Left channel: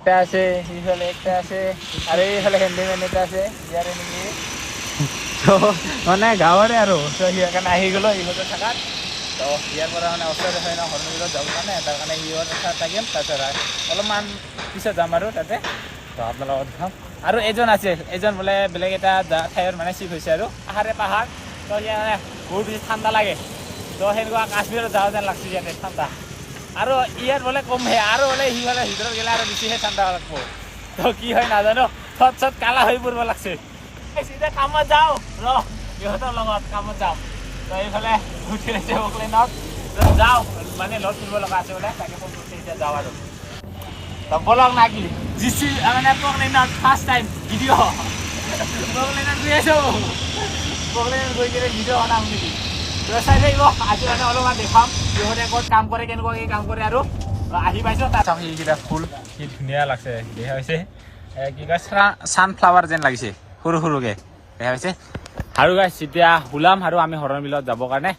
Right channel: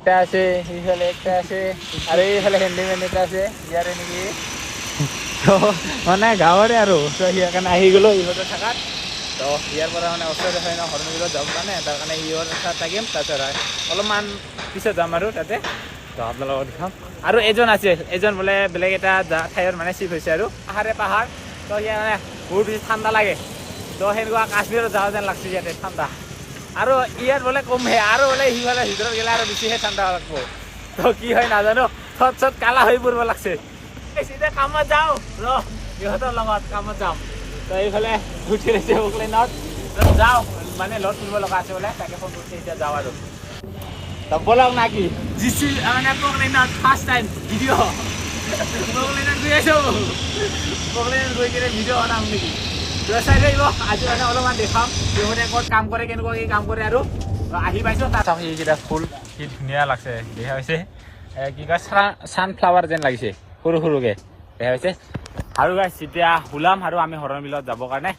একটা আছে, এইফালে একটা আছে, আৰু এইফালে হেণ্ডিং এটা আছে ইয়াৰে নেকি। মানে গাঁৱৰে আৰু ইয়াৰ কাৰণে আহি গ'লো ইহঁতে থাকাত। তো ইয়াৰ পৰা মানে ওচৰতে হয় ন হৰ্ণবিলত যাব কাৰণে, তাৰ কাৰণে ইহঁত তাত থাকিম। তাৰপিছত অলপমান পিছত যাম আৰু তাতে। তো আপোনালোকক দেখাম। আৰু এজন আছে, এজন বোলে বেলেগ এটা ঠাইৰ মানে চিফ হৈছে আৰু পাহাৰ। তো ইয়াৰ মানে বহুত বেছি ঠাণ্ডা লাগে। তো সেনেকুৱা কাশ্মীৰত যাওঁ যেন লাগছে ইয়াতে ঠাণ্ডা। আৰু ইয়াত বোলে কমহে, আৰু বোলে সি বোলে ভিতৰত গ'লে আৰু বেছিহে ঠাণ্ডা লাগব। তো কি হয় নাজানো, থত কালা হৈ পৰিব লাগছে। এতিয়া কামত যাওঁ ইহঁতৰ লগত কামত যাওঁ। এইফালে গুচি আহিছে অকলেণ্ডত যাওঁ, মানে লড কৰিব লগা আছে বোলে, তাকে ফোন কৰিছে। এতিয়া যাওঁ আৰু বলক নাকি জিচি মানে অকলেণ্ডত ফাৰ্ষ্ট টাইম ভিডিঅ' অকলেণ্ডত গৈ আছোঁ। অকলেণ্ডত গৈ কিনে ভিডিঅ' বনাম নেকি? চাই থাকিব আজি মানে অলপমান দেখাম ইহঁতে ক'ত কাম কৰে, কেনেকুৱাকৈ কাম কৰে। আৰু আহি পাইছোঁ তাত সেইকেইটা ফুল কি ধুনীয়া লাগছে। দেখা হৈছে কি কয় ছানফ্লাৱাৰ যেন লাগিছে, সৰু সৰুকৈ দেখা হৈছে। আৰু গাইছ এতিয়া ওলাম আৰু আমি হৰ্ণবিলত যাবৰ কাৰণে।